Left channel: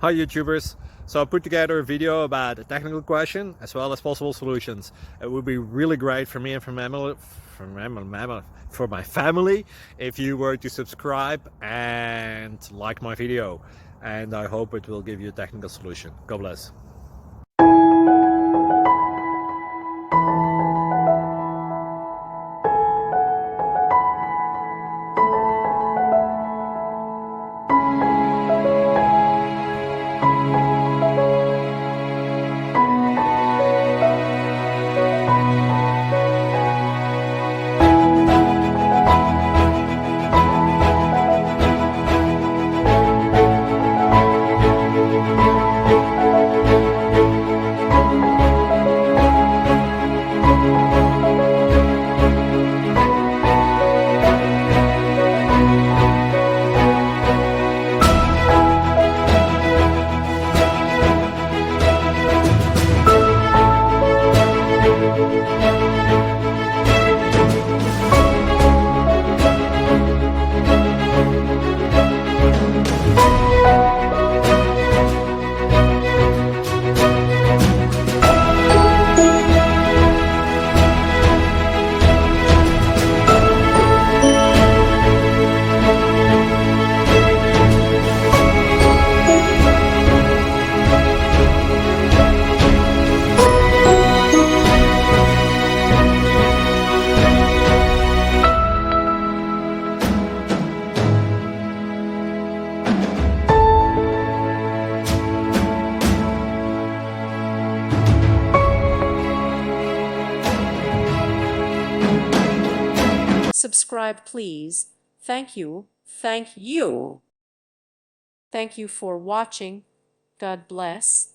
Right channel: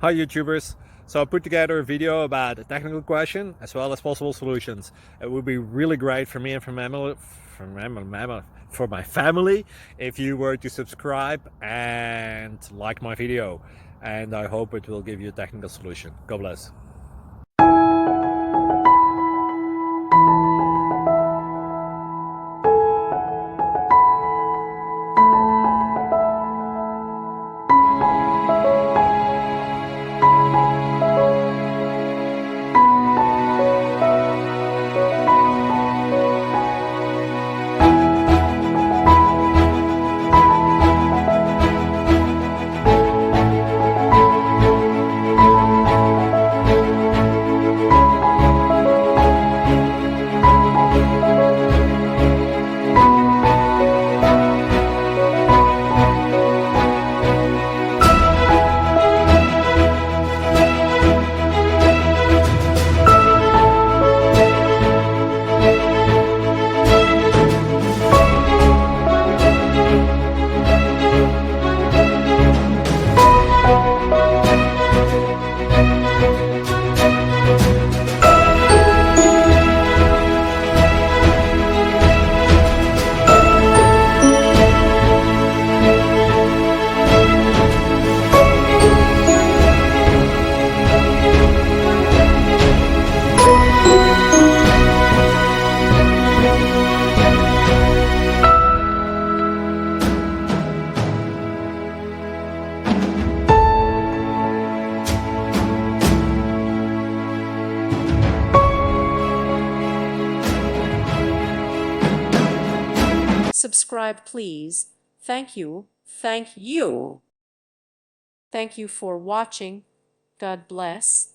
Hi YouTubers! So I put together a video about a technical question as well as possible solutions. It would be really great for me and for my family if you were to subscribe and like my video, and I hope it will give you a technical solution. God bless. Subscribe, please. Thank you. Thank you. Thank you for watching. God bless.